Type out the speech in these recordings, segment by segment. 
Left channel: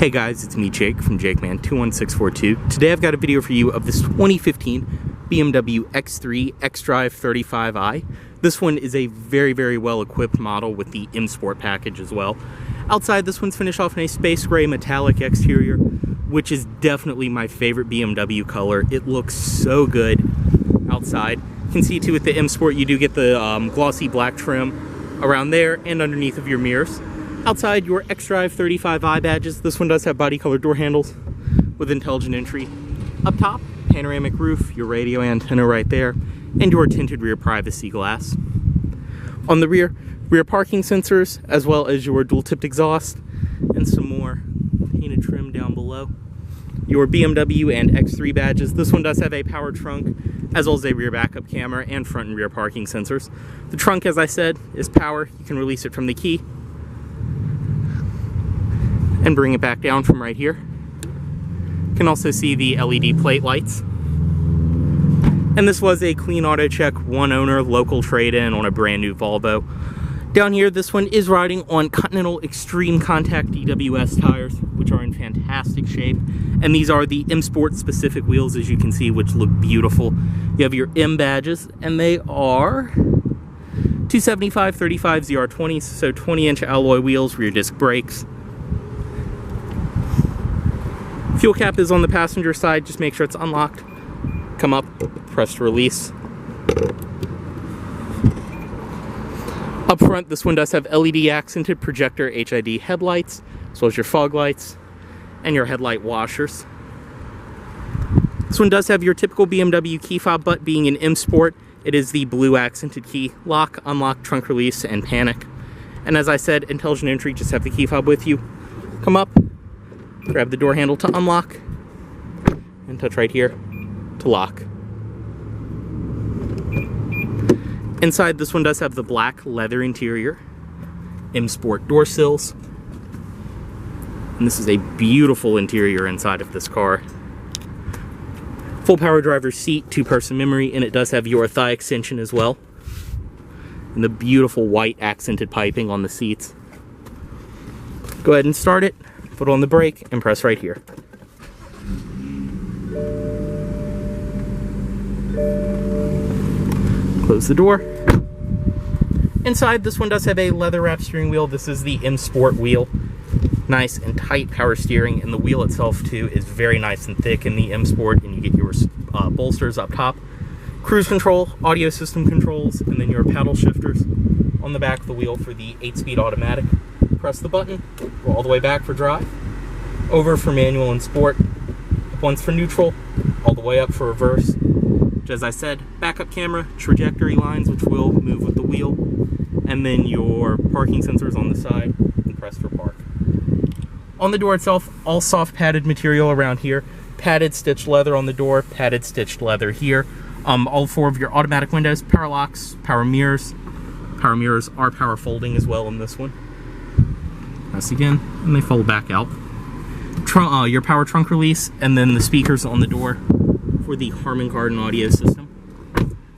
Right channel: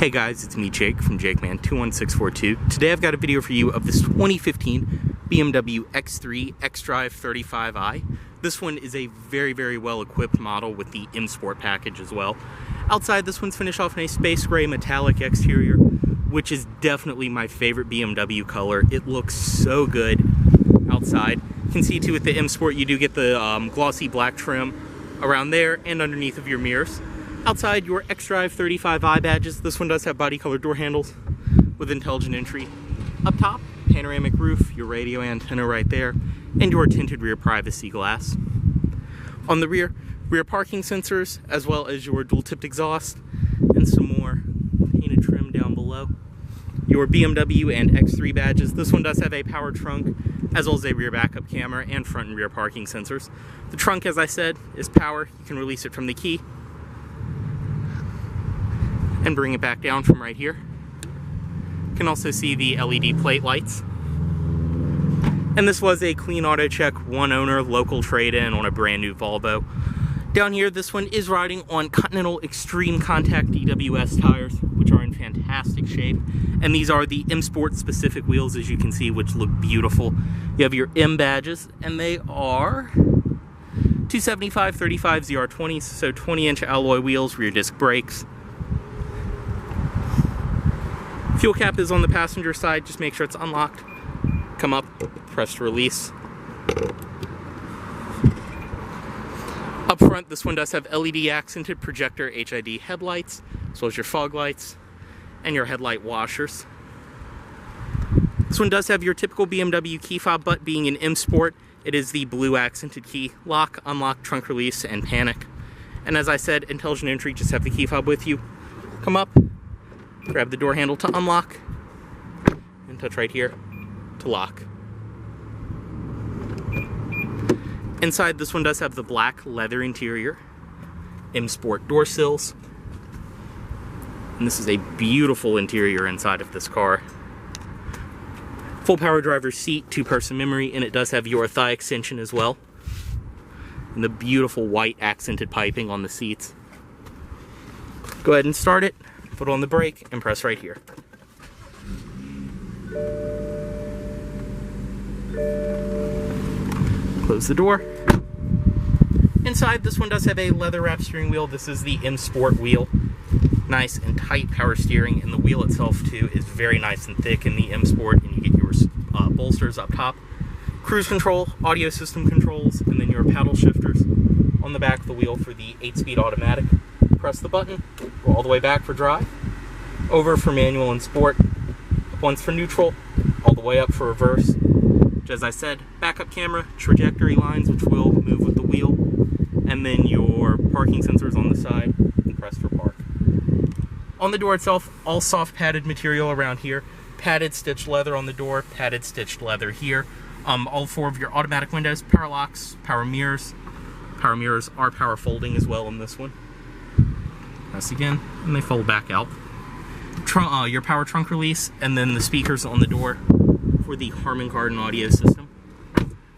Hey guys, it's me Jake from JakeMan21642. Today I've got a video for you of this 2015 BMW X3 xDrive35i. This one is a very well equipped model with the M Sport package as well. Outside, this one's finished off in a space gray metallic exterior, which is definitely my favorite BMW color. It looks so good outside. You can see too with the M Sport you do get the glossy black trim around there and underneath of your mirrors. Outside, your xDrive35i badges. This one does have body colored door handles with intelligent entry. Up top, panoramic roof, your radio antenna right there, and your tinted rear privacy glass. On the rear parking sensors, as well as your dual tipped exhaust, and some more painted trim down below. Your BMW and X3 badges. This one does have a power trunk, as well as a rear backup camera and front and rear parking sensors. The trunk, as I said, is power. You can release it from the key and bring it back down from right here. You can also see the LED plate lights. And this was a clean auto check, one owner, local trade-in on a brand new Volvo. Down here, this one is riding on Continental Extreme Contact DWS tires, which are in fantastic shape. And these are the M Sport specific wheels, as you can see, which look beautiful. You have your M badges, and they are 275/35 ZR20s, so 20-inch alloy wheels, rear disc brakes. Fuel cap is on the passenger side. Just make sure it's unlocked. Come up, press to release. Up front, this one does have LED accented projector HID headlights, as well as your fog lights and your headlight washers. This one does have your typical BMW key fob, but being an M Sport, it is the blue accented key: lock, unlock, trunk release, and panic. And as I said, intelligent entry, just have the key fob with you. Come up, grab the door handle to unlock, and touch right here to lock. Inside, this one does have the black leather interior, M Sport door sills, and this is a beautiful interior inside of this car. Full power driver's seat, 2-person memory, and it does have your thigh extension as well, and the beautiful white accented piping on the seats. Go ahead and start it. Put on the brake and press right here. Close the door. Inside, this one does have a leather wrapped steering wheel. This is the M Sport wheel. Nice and tight power steering, and the wheel itself too is very nice and thick in the M Sport, and you get your bolsters up top. Cruise control, audio system controls, and then your paddle shifters on the back of the wheel for the 8-speed automatic. Press the button, go all the way back for drive, over for manual and sport, up once for neutral, all the way up for reverse. Which, as I said, backup camera, trajectory lines, which will move with the wheel, and then your parking sensors on the side, and press for park. On the door itself, all soft padded material around here, padded stitched leather on the door, padded stitched leather here. All 4 of your automatic windows, power locks, power mirrors. Power mirrors are power folding as well in this one. Press again, and they fold back out. Your power trunk release, and then the speakers on the door for the Harman Kardon audio system.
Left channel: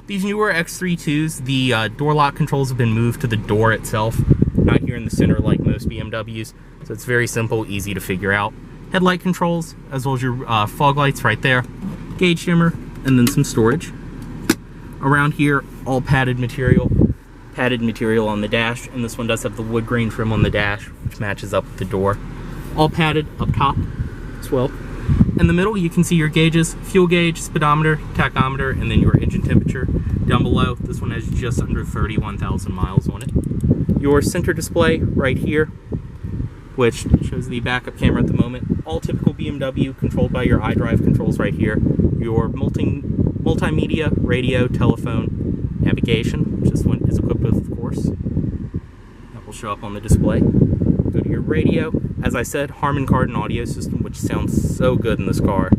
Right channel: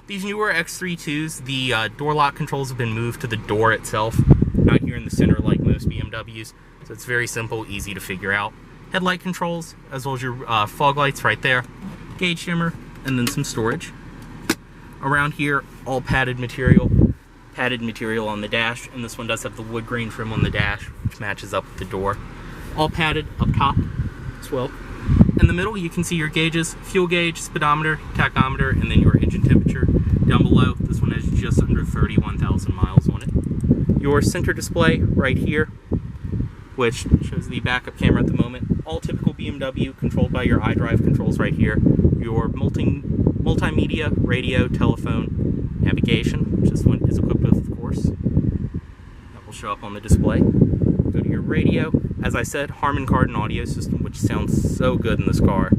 These newer X32s, the door lock controls have been moved to the door itself, not here in the center like most BMWs, so it's very simple, easy to figure out. Headlight controls, as well as your fog lights right there, gauge dimmer, and then some storage. Around here, all padded material on the dash, and this one does have the wood grain trim on the dash, which matches up with the door. All padded up top as well. In the middle, you can see your gauges: fuel gauge, speedometer, tachometer, and then your engine temperature. Down below, this one has just under 31,000 miles on it. Your center display right here, which shows the backup camera at the moment. All typical BMW, controlled by your iDrive controls right here. Your multimedia, radio, telephone, navigation, which this one is equipped with, of course. That will show up on the display. Go to your radio. As I said, Harman Kardon audio system, which sounds so good in this car.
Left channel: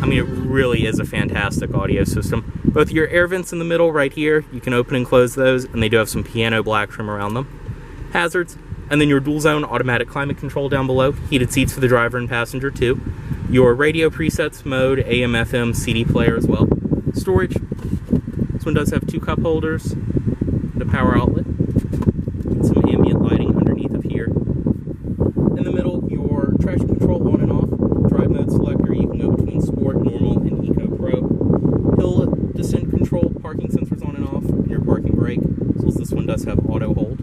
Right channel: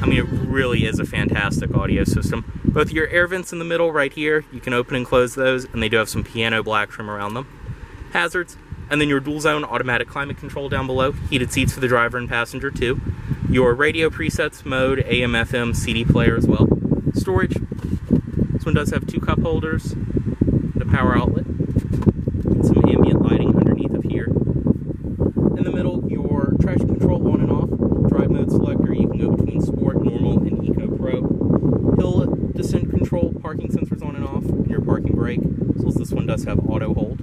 I mean, it really is a fantastic audio system. Both your air vents in the middle right here, you can open and close those, and they do have some piano black trim around them. Hazards, and then your dual zone automatic climate control down below. Heated seats for the driver and passenger too. Your radio presets, mode, AM, FM, CD player as well. Storage. This one does have 2 cup holders and a power outlet and some ambient lighting underneath of here. In the middle, your traction control on and off, drive mode selector. You can go between sport, normal, and eco pro. Hill descent control, parking sensors on and off, and your parking brake. So this one does have auto hold.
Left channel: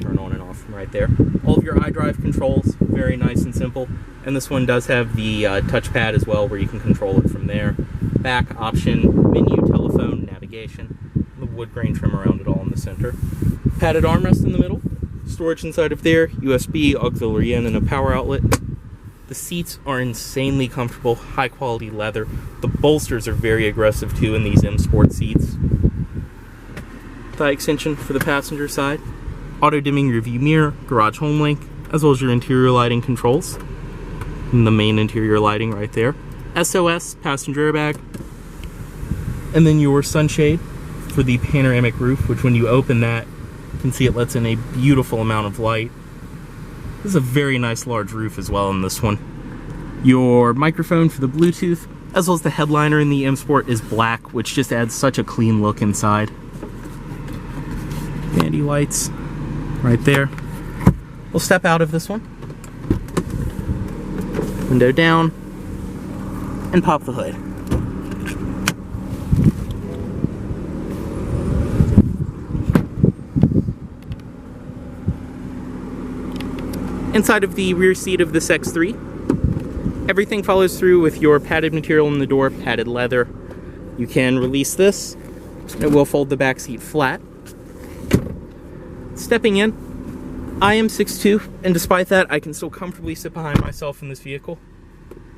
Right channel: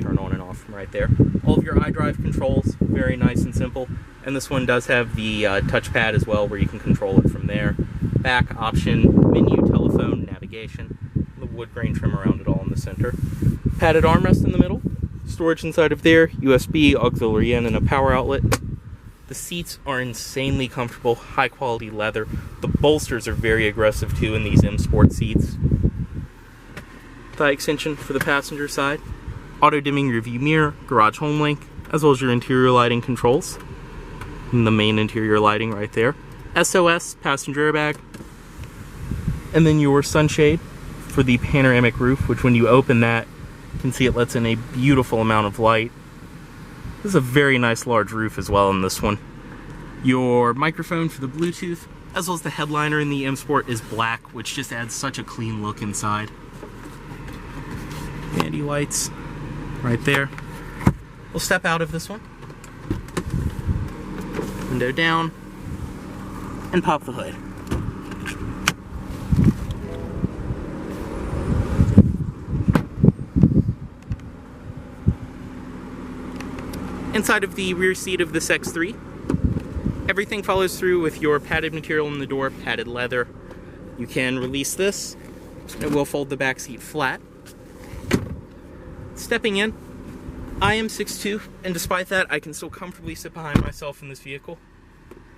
Turn on and off from right there. All of your iDrive controls, very nice and simple. And this one does have the touchpad as well, where you can control it from there. Back option, menu, telephone, navigation. The wood grain trim around it all in the center. Padded armrest in the middle. Storage inside of there, USB, auxiliary in, and a power outlet. The seats are insanely comfortable, high quality leather. The bolsters are very aggressive too in these M Sport seats. Thigh extension for the passenger side. Auto dimming rearview mirror, garage home link, as well as your interior lighting controls. And the main interior lighting right there. SOS, passenger airbag. And then your sunshade for the panoramic roof, which when you open that, you can see it lets in a beautiful amount of light. This is a very nice large roof as well in this one. Your microphone for the Bluetooth, as well as the headliner in the M Sport is black, which just adds such a clean look inside. Vanity lights right there. We'll step out of this one. Window down, and pop the hood. Inside of the rear seat of this X3, everything follows through with your padded material in the door, padded leather. You can release this, and it will fold the back seat flat. Stepping in, I am 6'2", and despite that, I can still comfortably sit behind myself in this vehicle.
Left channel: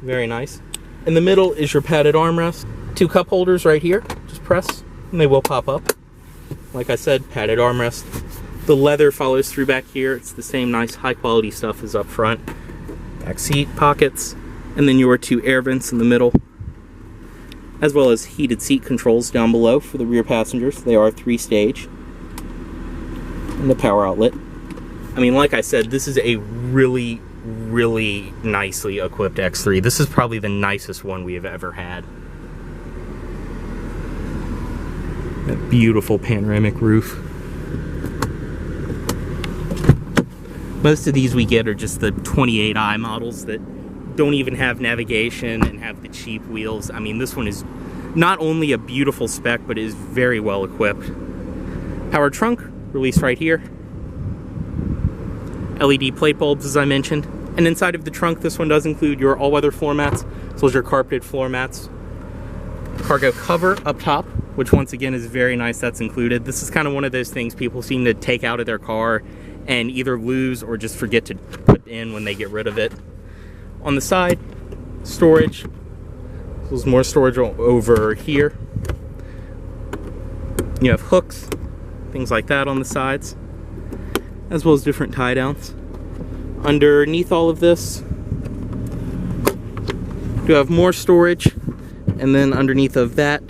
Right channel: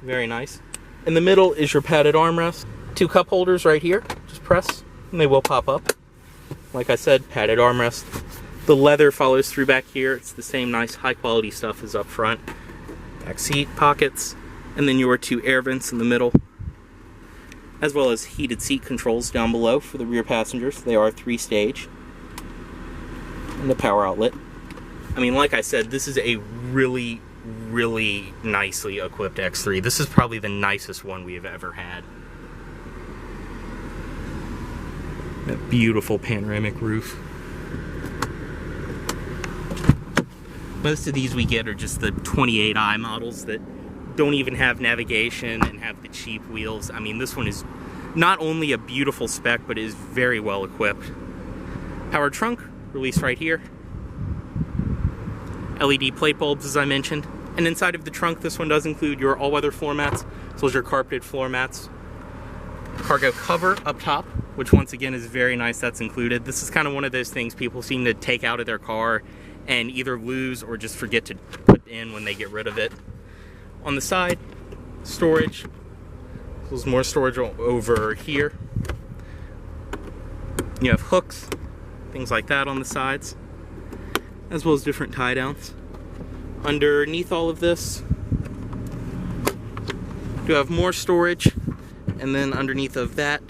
Very nice. In the middle is your padded armrest. 2 cup holders right here. Just press, and they will pop up. Like I said, padded armrest. The leather follows through back here. It's the same nice high quality stuff as up front. Back seat, pockets, and then your 2 air vents in the middle, as well as heated seat controls down below for the rear passengers. They are 3-stage. And the power outlet. I mean, like I said, this is a really, really nicely equipped X3. This is probably the nicest one we have ever had. That beautiful panoramic roof. Most of these we get are just the 28i models that don't even have navigation and have the cheap wheels. I mean, this one is not only a beautiful spec, but is very well equipped. Power trunk, release right here. LED plate bulbs, as I mentioned. And inside of the trunk, this one does include your all-weather floor mats, as well as your carpeted floor mats. Cargo cover up top, which once again is very nice, that's included. This is kind of one of those things people seem to take out of their car and either lose or just forget to put in when they get rid of it. On the side, storage. There's more storage over here. You have hooks, things like that on the sides, as well as different tie downs. Underneath all of this, you have more storage, and then underneath of that,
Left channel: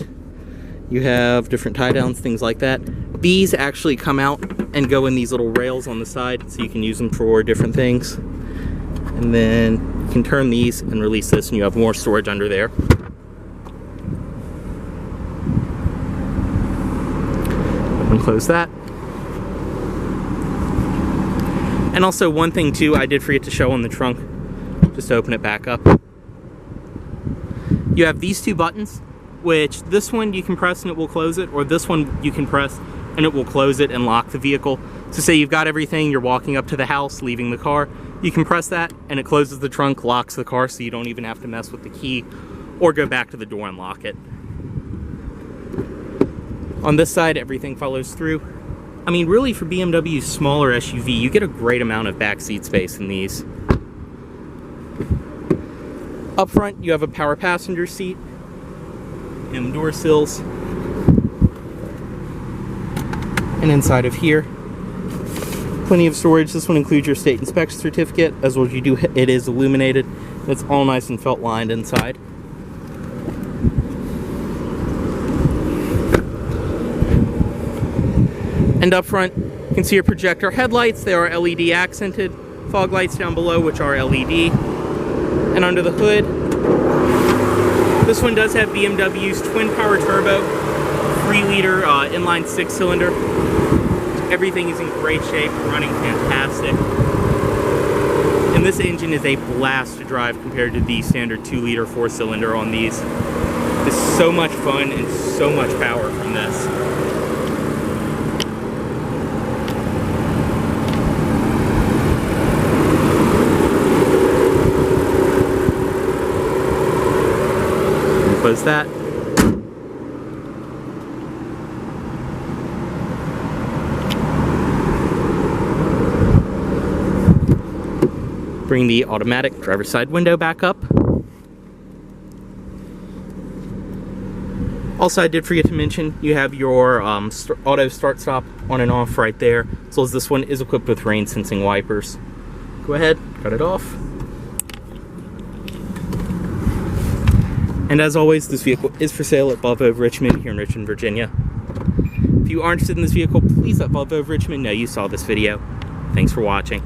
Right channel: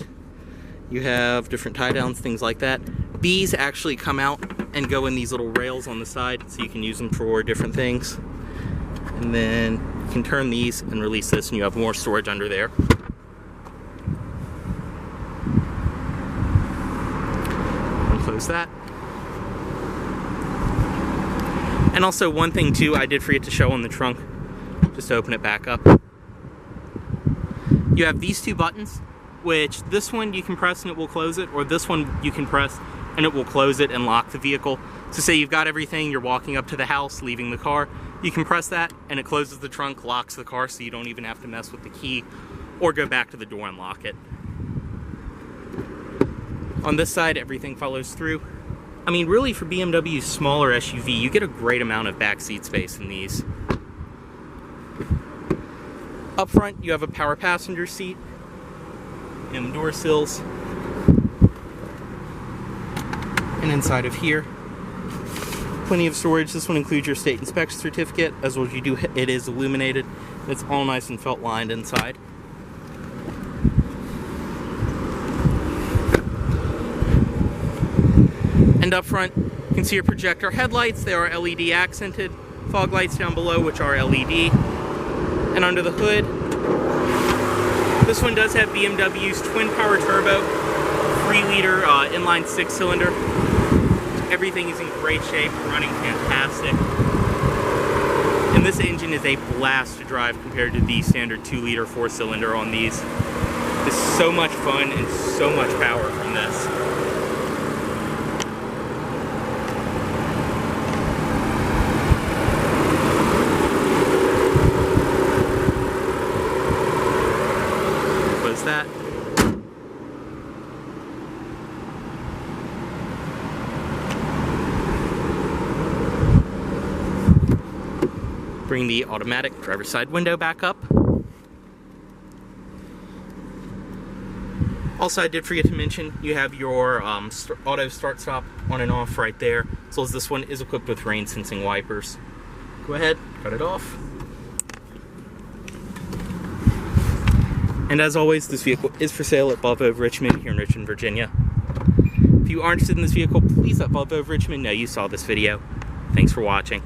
you have different tie downs, things like that. These actually come out and go in these little rails on the side, so you can use them for different things. And then you can turn these and release this, and you have more storage under there. And close that. And also one thing too, I did forget to show on the trunk, just to open it back up. You have these 2 buttons, which this one you can press and it will close it, or this one you can press and it will close it and lock the vehicle. So say you've got everything, you're walking up to the house, leaving the car, you can press that and it closes the trunk, locks the car, so you don't even have to mess with the key or go back to the door and lock it. On this side, everything follows through. I mean, really, for BMW's smaller SUV, you get a great amount of back seat space in these. Up front, you have a power passenger seat, and door sills. And inside of here, plenty of storage. This one includes your state inspection certificate, as well as it is illuminated. It's all nice and felt lined inside. And up front, you can see your projector headlights. They are LED accented. Fog lights down below, which are LED. And under the hood, this one does have BMW's twin power turbo 3-liter inline 6-cylinder. Everything is in great shape, running fantastic. And this engine is a blast to drive compared to the standard 2-liter 4-cylinder on these. It's so much fun and so much power from this. Close that. Bring the automatic driver's side window back up. Also, I did forget to mention, you have your auto start-stop on and off right there, as well as this one is equipped with rain-sensing wipers. Go ahead, cut it off. And as always, this vehicle is for sale at Volvo of Richmond here in Richmond, Virginia. If you are interested in this vehicle, please let Volvo of Richmond know you saw this video. Thanks for watching.